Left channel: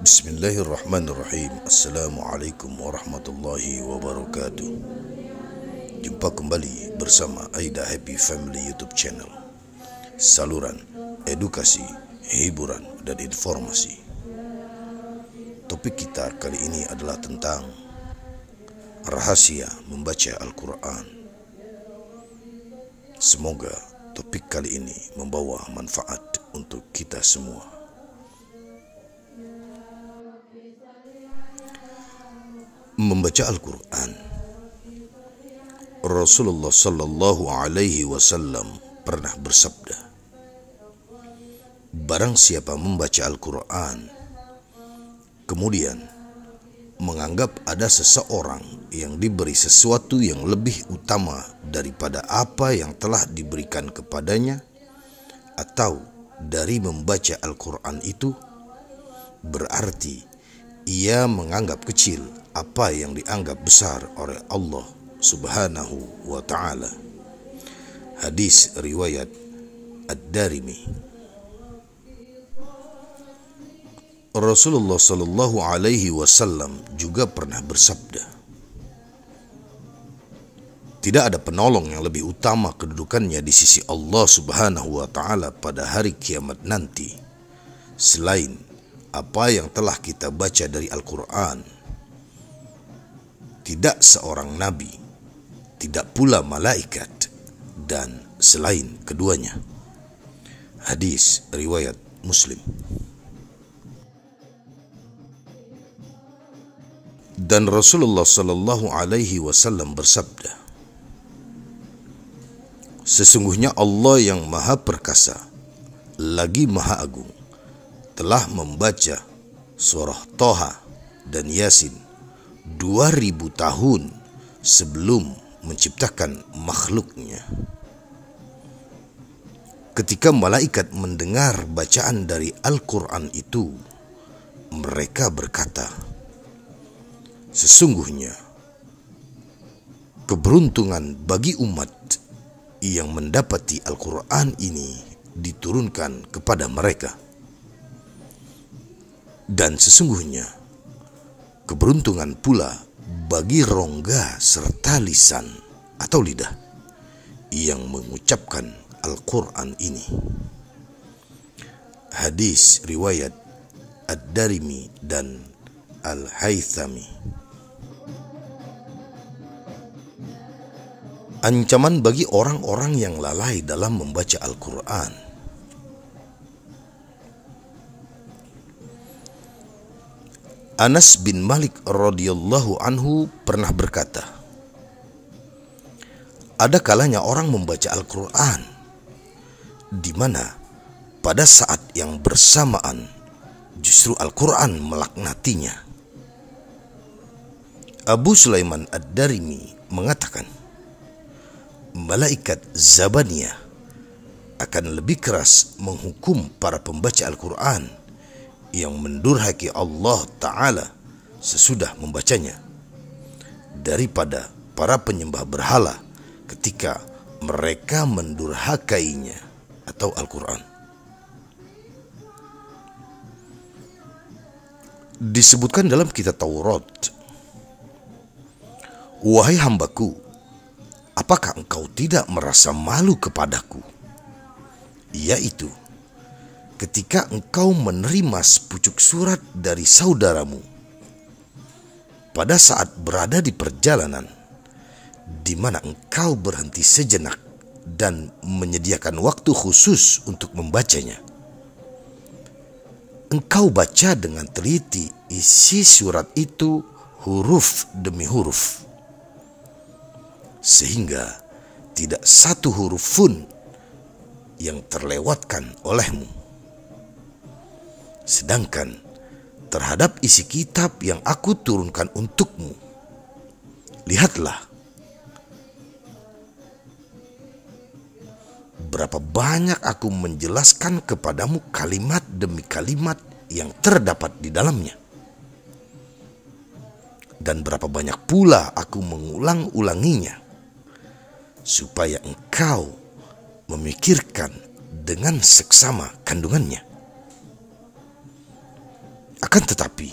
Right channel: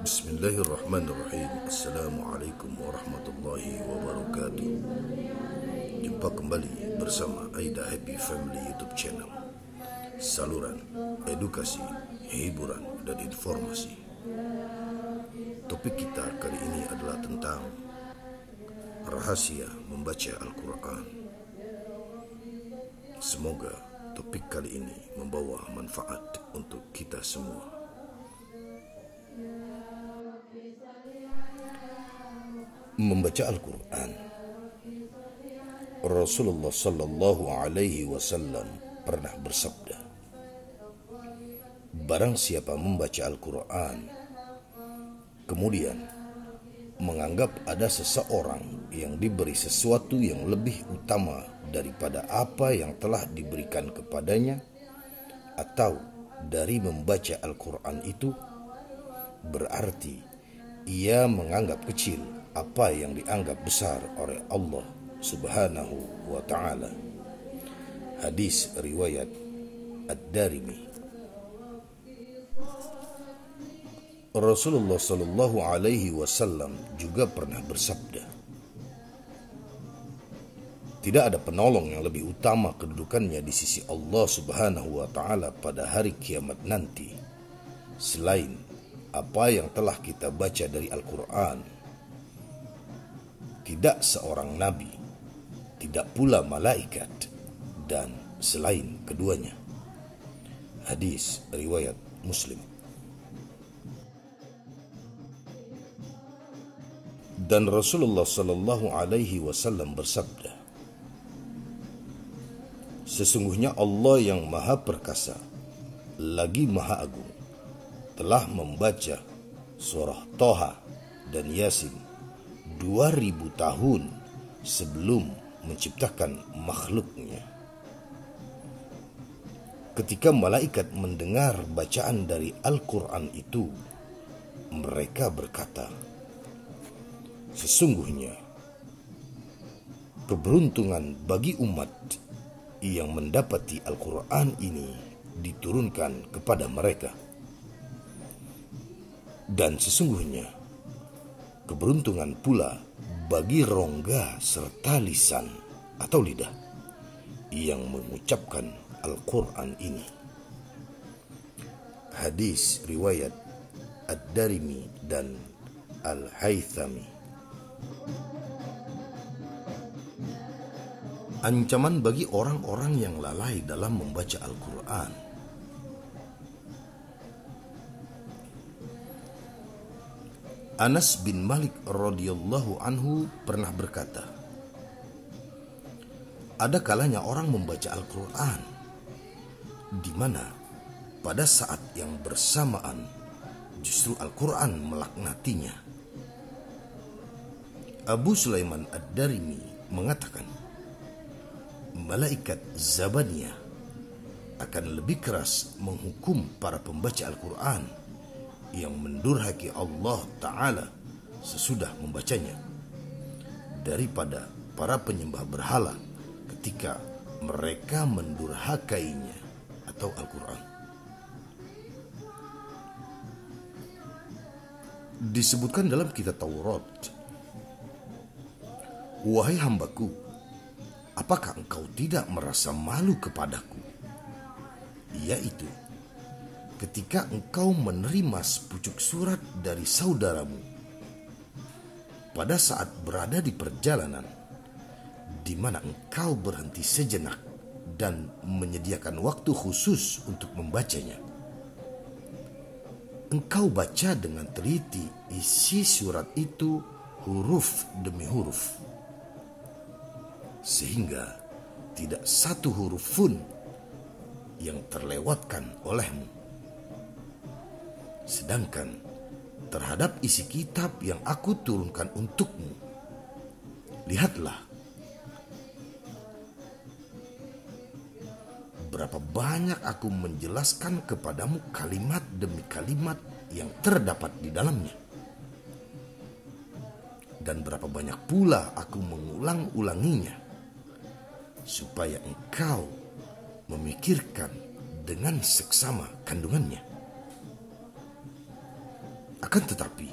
Bismillahirrahmanirrahim. Assalamualaikum warahmatullahi wabarakatuh. Jumpa kembali bersama Aida Happy Family YouTube channel, saluran edukasi, hiburan, dan informasi. Topik kita kali ini adalah tentang rahasia membaca Al-Quran. Semoga topik kali ini membawa manfaat untuk kita semua. Membaca Al-Quran. Rasulullah sallallahu alaihi wasallam pernah bersabda, barang siapa membaca Al-Quran kemudian menganggap ada seseorang yang diberi sesuatu yang lebih utama daripada apa yang telah diberikan kepadanya, atau dari membaca Al-Quran itu, berarti ia menganggap kecil apa yang dianggap besar oleh Allah Subhanahu wa ta'ala. Hadis riwayat Ad-Darimi. Rasulullah sallallahu alaihi wasallam juga pernah bersabda, tidak ada penolong yang lebih utama kedudukannya di sisi Allah Subhanahu wa ta'ala pada hari kiamat nanti selain apa yang telah kita baca dari Al-Quran. Tidak seorang nabi, tidak pula malaikat, dan selain keduanya. Hadis riwayat Muslim. Dan Rasulullah sallallahu alaihi wasallam bersabda, sesungguhnya Allah yang Maha Perkasa lagi Maha Agung telah membaca surah Thaha dan Yasin 2000 tahun sebelum menciptakan makhluknya. Ketika malaikat mendengar bacaan dari Al-Quran itu, mereka berkata, sesungguhnya keberuntungan bagi umat yang mendapati Al-Quran ini diturunkan kepada mereka. Dan sesungguhnya keberuntungan pula bagi rongga serta lisan atau lidah yang mengucapkan Al-Quran ini. Hadis riwayat Ad-Darimi dan Al-Haythami. Ancaman bagi orang-orang yang lalai dalam membaca Al-Quran. Anas bin Malik radhiyallahu anhu pernah berkata, ada kalanya orang membaca Al-Quran di mana pada saat yang bersamaan justru Al-Quran melaknatinya. Abu Sulaiman Ad-Darimi mengatakan, malaikat Zabaniyah akan lebih keras menghukum para pembaca Al-Quran yang mendurhaki Allah Ta'ala sesudah membacanya daripada para penyembah berhala ketika mereka mendurhakainya atau Al-Quran. Disebutkan dalam kitab Taurat, wahai hambaku, apakah engkau tidak merasa malu kepadaku? Yaitu ketika engkau menerima sepucuk surat dari saudaramu pada saat berada di perjalanan di mana engkau berhenti sejenak dan menyediakan waktu khusus untuk membacanya. Engkau baca dengan teliti isi surat itu huruf demi huruf, sehingga tidak satu huruf pun yang terlewatkan olehmu. Sedangkan terhadap isi kitab yang aku turunkan untukmu, lihatlah berapa banyak aku menjelaskan kepadamu kalimat demi kalimat yang terdapat di dalamnya. Dan berapa banyak pula aku mengulang-ulanginya, supaya engkau memikirkan dengan seksama kandungannya. Akan tetapi,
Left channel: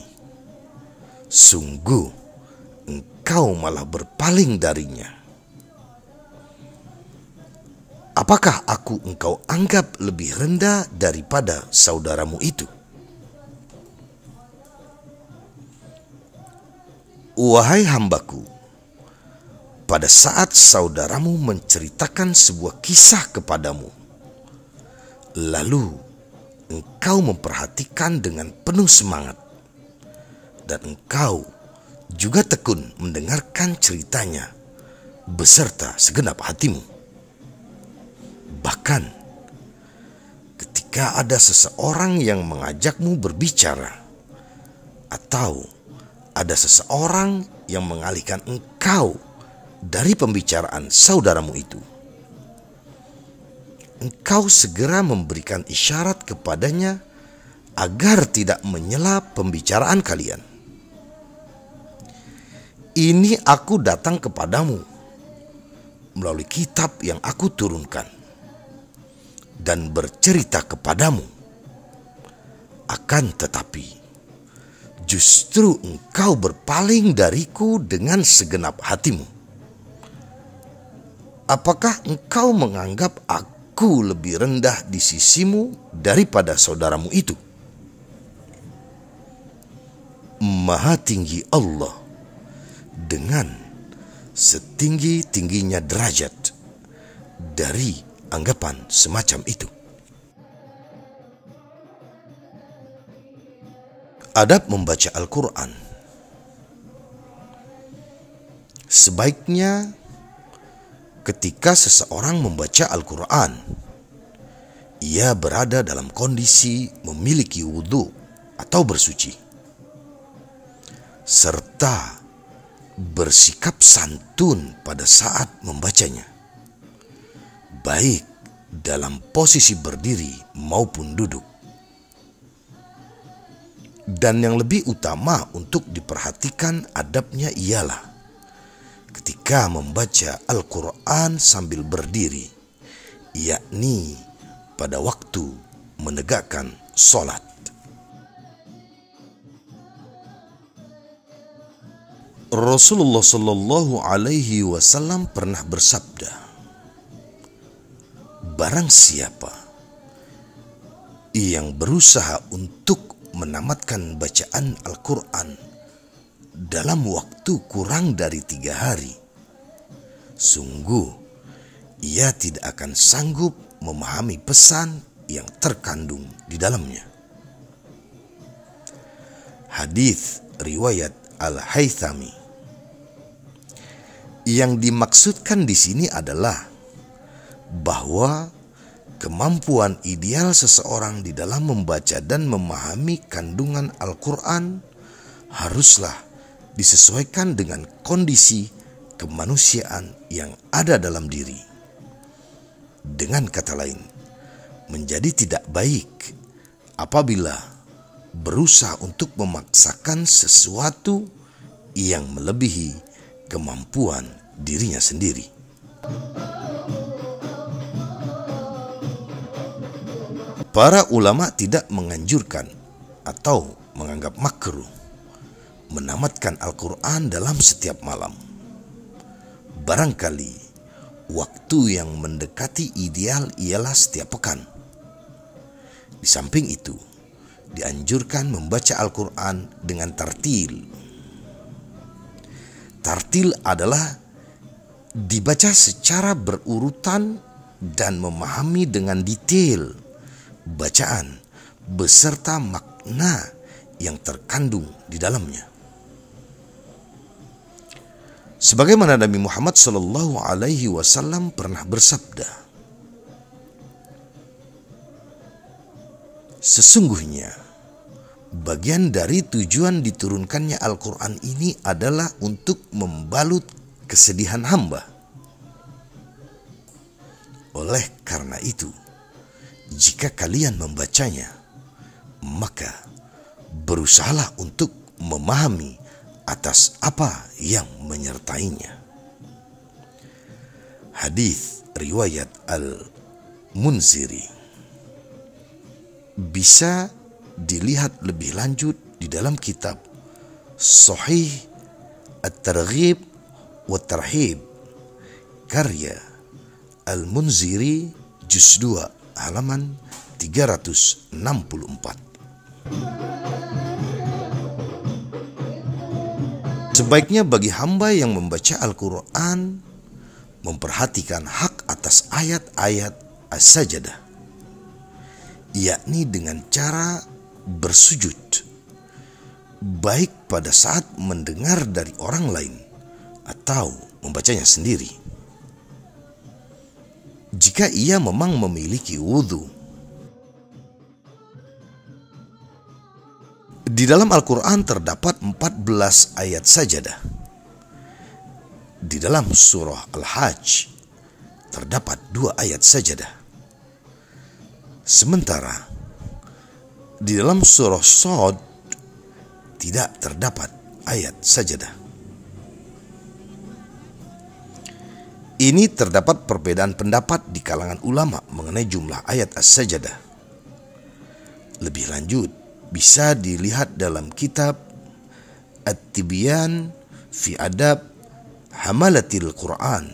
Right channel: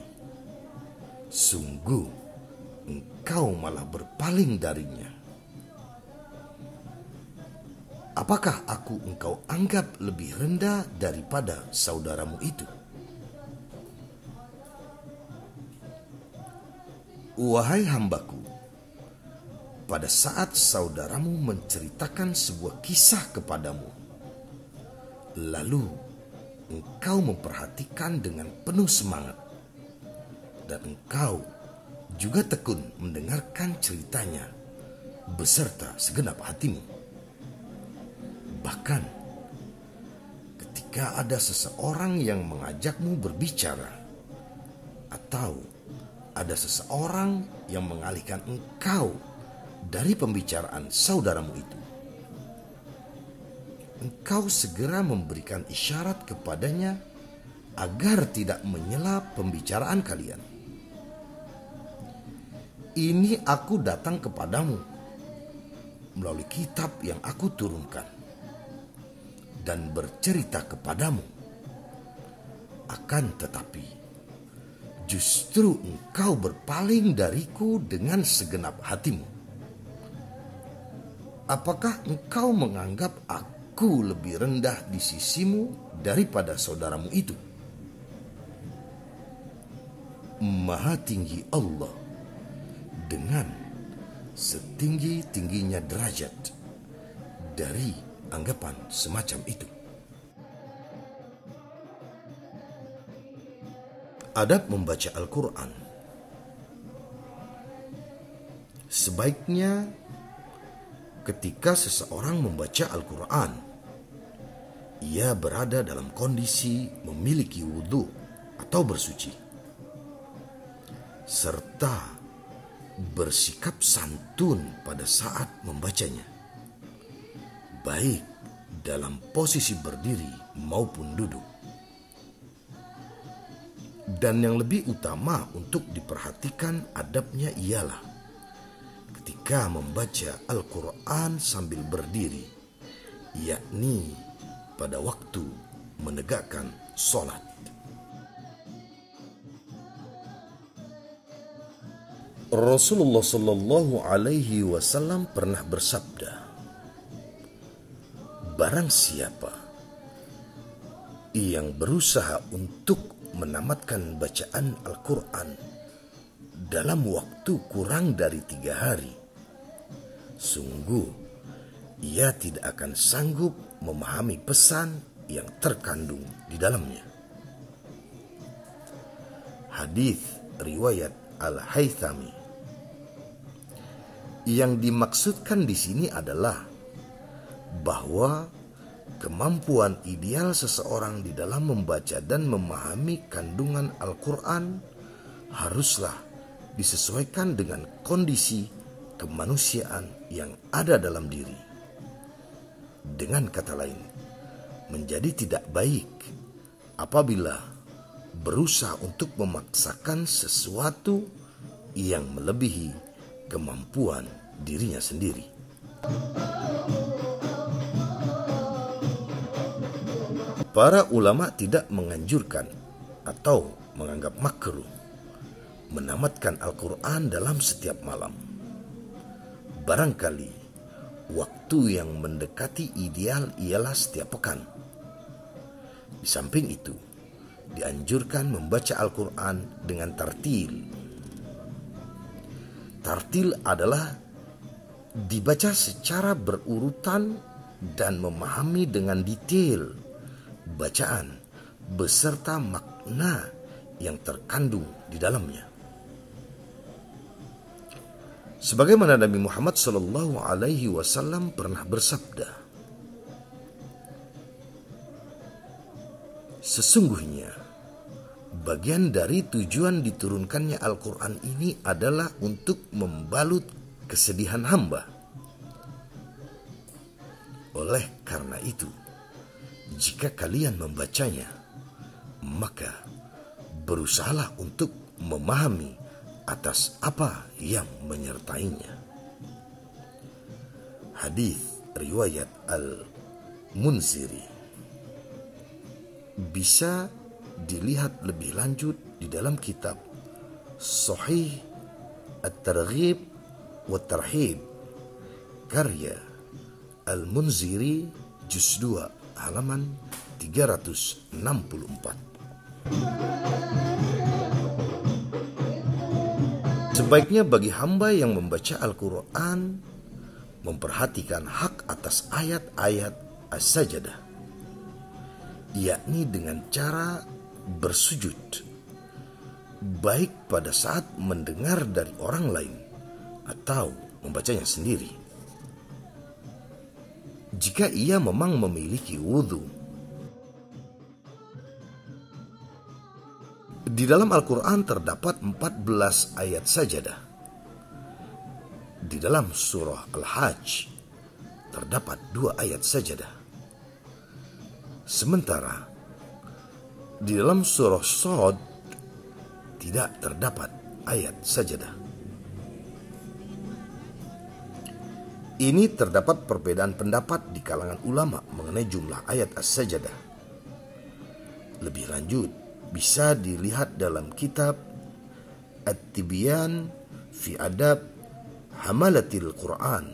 sungguh engkau malah berpaling darinya. Apakah engkau anggap lebih rendah daripada saudaramu itu? Wahai hambaku, pada saat saudaramu menceritakan sebuah kisah kepadamu, lalu engkau memperhatikan dengan penuh semangat, dan engkau juga tekun mendengarkan ceritanya beserta segenap hatimu. Bahkan ketika ada seseorang yang mengajakmu berbicara, atau ada seseorang yang mengalihkan engkau dari pembicaraan saudaramu itu, engkau segera memberikan isyarat kepadanya agar tidak menyela pembicaraan kalian. Ini aku datang kepadamu melalui kitab yang aku turunkan dan bercerita kepadamu. Akan tetapi, justru engkau berpaling dariku dengan segenap hatimu. Apakah engkau menganggap aku lebih rendah di sisimu daripada saudaramu itu? Maha tinggi Allah dengan setinggi-tingginya derajat dari anggapan semacam itu. Adab membaca Al-Quran. Sebaiknya ketika seseorang membaca Al-Quran, ia berada dalam kondisi memiliki wudhu atau bersuci, serta bersikap santun pada saat membacanya, baik dalam posisi berdiri maupun duduk. Dan yang lebih utama untuk diperhatikan adabnya ialah ketika membaca Al-Quran sambil berdiri, yakni pada waktu menegakkan sholat. Rasulullah Shallallahu Alaihi Wasallam pernah bersabda, barang siapa yang berusaha untuk menamatkan bacaan Al-Quran dalam waktu kurang dari 3 hari, sungguh ia tidak akan sanggup memahami pesan yang terkandung di dalamnya. Hadis riwayat Al-Haythami. Yang dimaksudkan di sini adalah bahwa kemampuan ideal seseorang di dalam membaca dan memahami kandungan Al-Quran haruslah disesuaikan dengan kondisi kemanusiaan yang ada dalam diri. Dengan kata lain, menjadi tidak baik apabila berusaha untuk memaksakan sesuatu yang melebihi kemampuan dirinya sendiri. Para ulama tidak menganjurkan atau menganggap makruh menamatkan Al-Quran dalam setiap malam. Barangkali waktu yang mendekati ideal ialah setiap pekan. Di samping itu, dianjurkan membaca Al-Quran dengan tartil. Tartil adalah dibaca secara berurutan dan memahami dengan detail bacaan beserta makna yang terkandung di dalamnya. Sebagaimana Nabi Muhammad Shallallahu Alaihi Wasallam pernah bersabda, sesungguhnya bagian dari tujuan diturunkannya Al-Quran ini adalah untuk membalut kesedihan hamba. Oleh karena itu, jika kalian membacanya, maka berusahalah untuk memahami atas apa yang menyertainya. Hadis riwayat Al-Munziri. Bisa dilihat lebih lanjut di dalam kitab Sahih At-Targhib wa Tarhib karya Al-Munziri juz 2 halaman 364. Sebaiknya bagi hamba yang membaca Al-Quran memperhatikan hak atas ayat-ayat as-sajadah, yakni dengan cara bersujud, baik pada saat mendengar dari orang lain atau membacanya sendiri. Jika ia memang memiliki wudhu. Di dalam Al-Quran terdapat 14 ayat sajadah. Di dalam surah Al-Hajj terdapat 2 ayat sajadah. Sementara di dalam surah Shad tidak terdapat ayat sajadah. Ini terdapat perbedaan pendapat di kalangan ulama mengenai jumlah ayat as-sajadah. Lebih lanjut, bisa dilihat dalam kitab At-Tibyan fi Adab Hamalatil Quran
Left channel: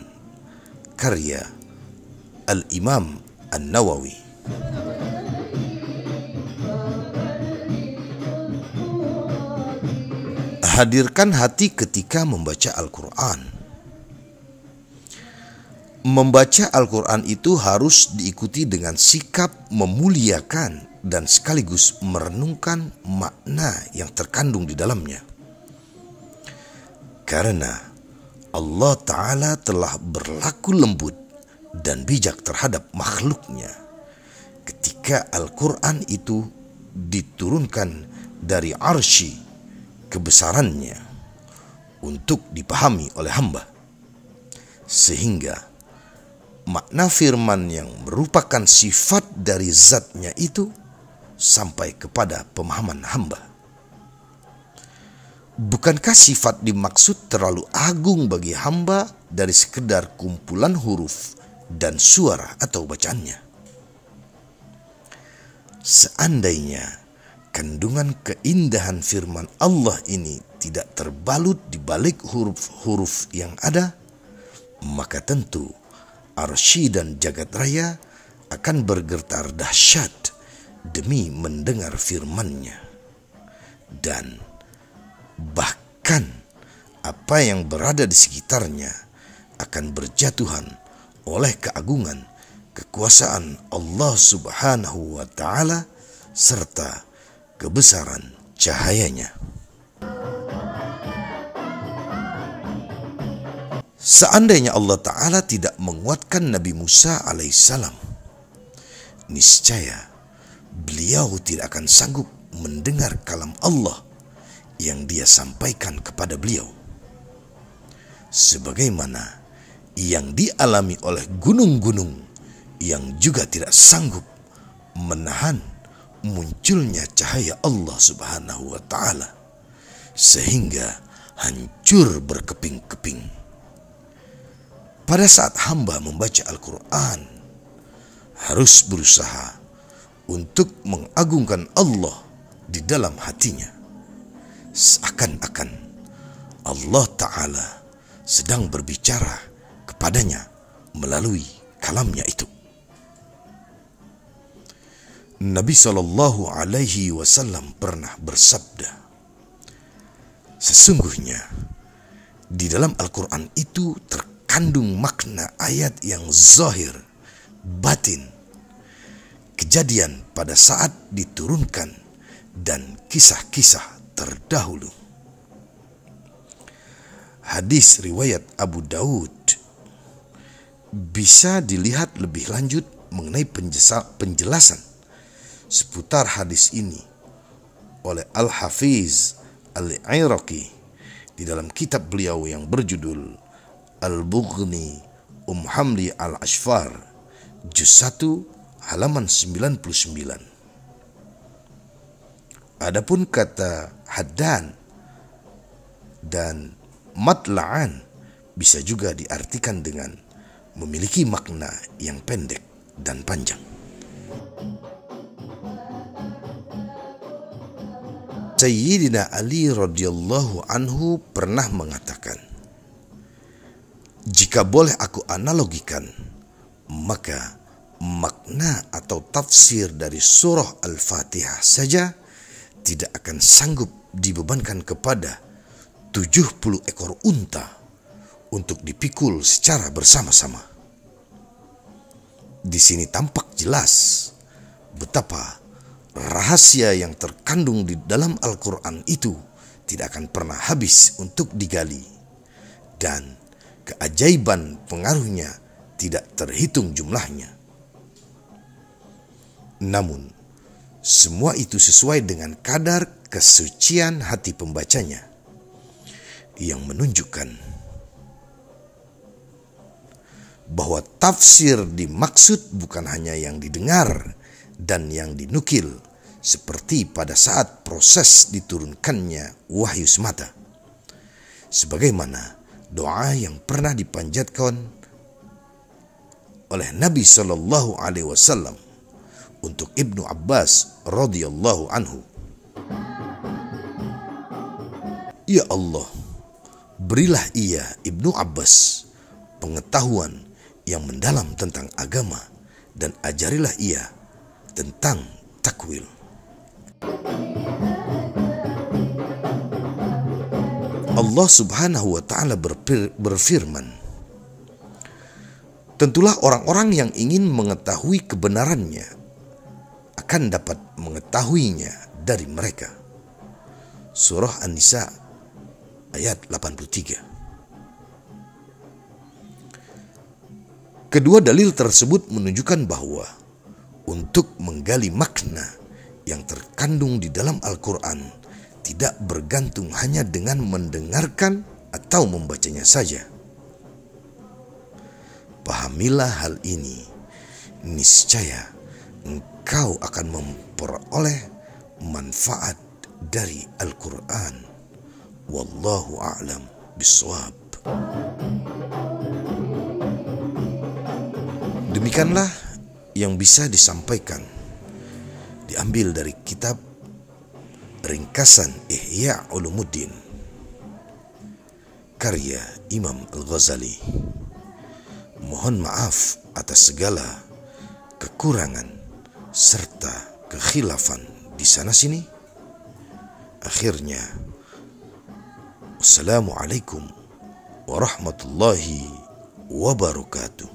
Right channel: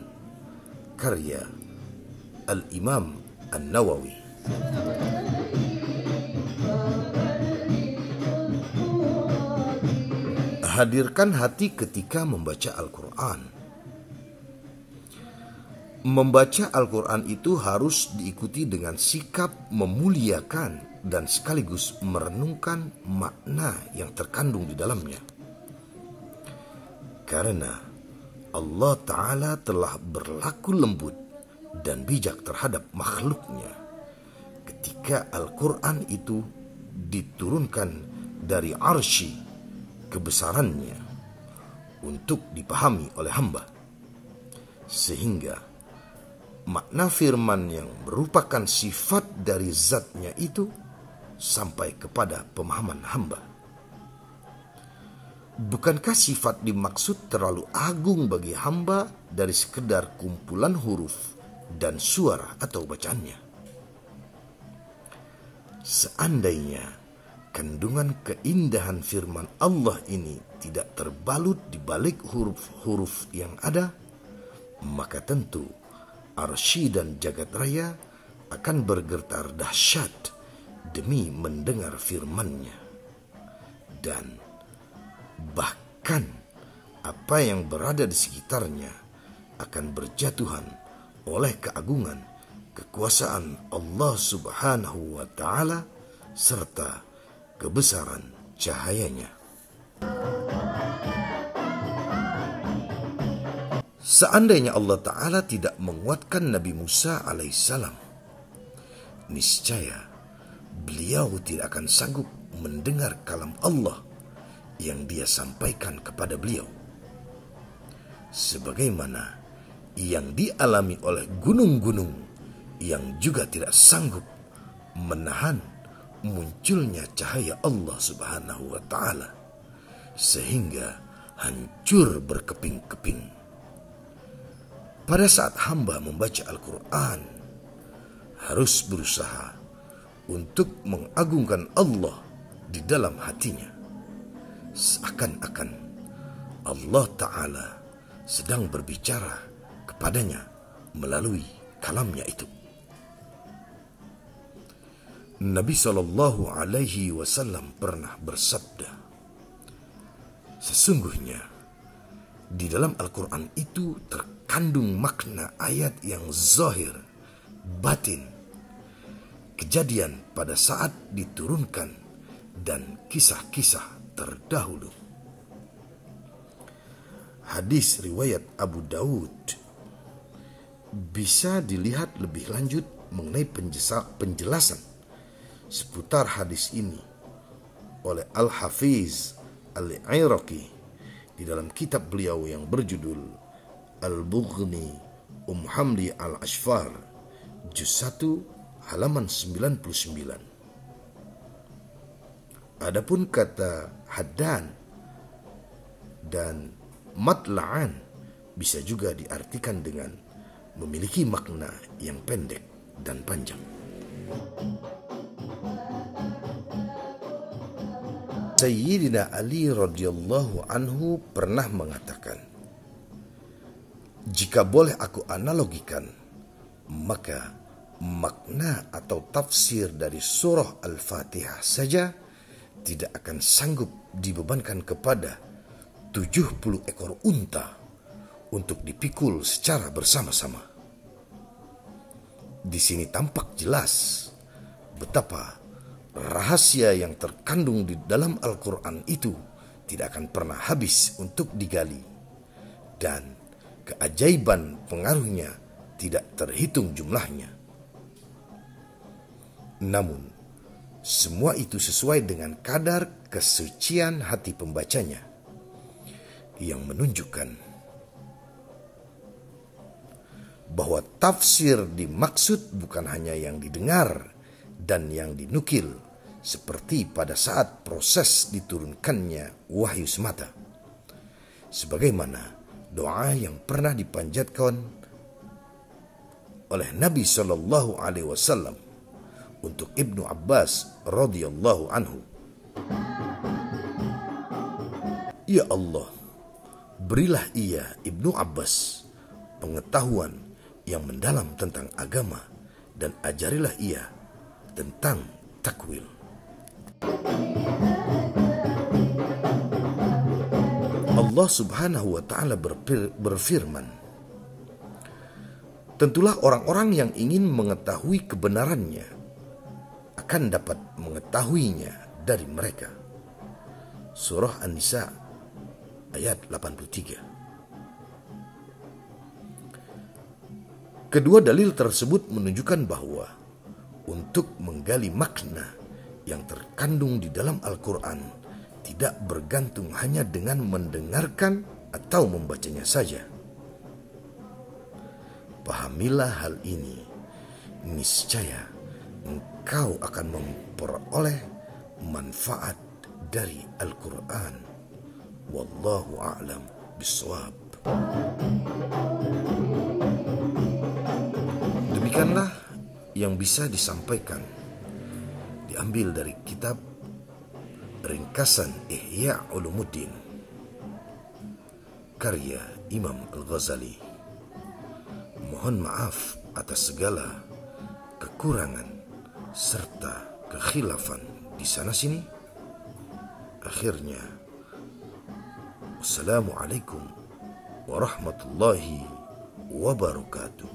karya Al-Imam An-Nawawi. Hadirkan hati ketika membaca Al-Quran. Membaca Al-Quran itu harus diikuti dengan sikap memuliakan dan sekaligus merenungkan makna yang terkandung di dalamnya. Karena Allah Ta'ala telah berlaku lembut dan bijak terhadap makhluknya ketika Al-Quran itu diturunkan dari arsy kebesarannya untuk dipahami oleh hamba. Sehingga makna firman yang merupakan sifat dari zatnya itu sampai kepada pemahaman hamba. Bukankah sifat dimaksud terlalu agung bagi hamba dari sekedar kumpulan huruf dan suara atau bacaannya? Seandainya kandungan keindahan firman Allah ini tidak terbalut di balik huruf-huruf yang ada, maka tentu arsy dan jagat raya akan bergetar dahsyat demi mendengar firman-Nya. Dan bahkan apa yang berada di sekitarnya akan berjatuhan oleh keagungan kekuasaan Allah Subhanahu wa Ta'ala serta kebesaran cahayanya. Seandainya Allah Ta'ala tidak menguatkan Nabi Musa alaihissalam, niscaya beliau tidak akan sanggup mendengar kalam Allah yang Dia sampaikan kepada beliau. Sebagaimana yang dialami oleh gunung-gunung yang juga tidak sanggup menahan munculnya cahaya Allah Subhanahu wa Ta'ala sehingga hancur berkeping-keping. Pada saat hamba membaca Al-Quran, harus berusaha untuk mengagungkan Allah di dalam hatinya, seakan-akan Allah Ta'ala sedang berbicara kepadanya melalui kalamnya itu. Nabi SAW pernah bersabda, sesungguhnya di dalam Al-Quran itu terkandung makna ayat yang zahir, batin, kejadian pada saat diturunkan, dan kisah-kisah terdahulu. Hadis riwayat Abu Daud. Bisa dilihat lebih lanjut mengenai penjelasan seputar hadis ini oleh Al-Hafiz Al-Iraqi di dalam kitab beliau yang berjudul Al-Bughni Hamli Al-Ashfar juz 1 halaman 99. Adapun kata haddan dan matla'an bisa juga diartikan dengan memiliki makna yang pendek dan panjang. Sayyidina Ali radhiyallahu anhu pernah mengatakan, jika boleh aku analogikan, maka makna atau tafsir dari surah Al-Fatihah saja tidak akan sanggup dibebankan kepada 70 ekor unta untuk dipikul secara bersama-sama. Di sini tampak jelas betapa rahasia yang terkandung di dalam Al-Quran itu tidak akan pernah habis untuk digali, dan keajaiban pengaruhnya tidak terhitung jumlahnya. Namun, semua itu sesuai dengan kadar kesucian hati pembacanya, yang menunjukkan bahwa tafsir dimaksud bukan hanya yang didengar dan yang dinukil seperti pada saat proses diturunkannya wahyu semata, sebagaimana doa yang pernah dipanjatkan oleh Nabi Shallallahu Alaihi Wasallam untuk Ibnu Abbas radhiyallahu anhu. Ya Allah, berilah ia Ibnu Abbas pengetahuan yang mendalam tentang agama, dan ajarilah ia tentang takwil. Allah Subhanahu wa Ta'ala berfirman, tentulah orang-orang yang ingin mengetahui kebenarannya akan dapat mengetahuinya dari mereka. Surah An-Nisa ayat 83. Kedua dalil tersebut menunjukkan bahwa untuk menggali makna yang terkandung di dalam Al-Quran tidak bergantung hanya dengan mendengarkan atau membacanya saja. Pahamilah hal ini, niscaya engkau akan memperoleh manfaat dari Al-Quran. Wallahu a'lam bishawab. Demikianlah yang bisa disampaikan, diambil dari kitab Ringkasan Ihya Ulumuddin karya Imam Al-Ghazali. Mohon maaf atas segala kekurangan serta kekhilafan di sana sini. Akhirnya, wassalamualaikum warahmatullahi wabarakatuh.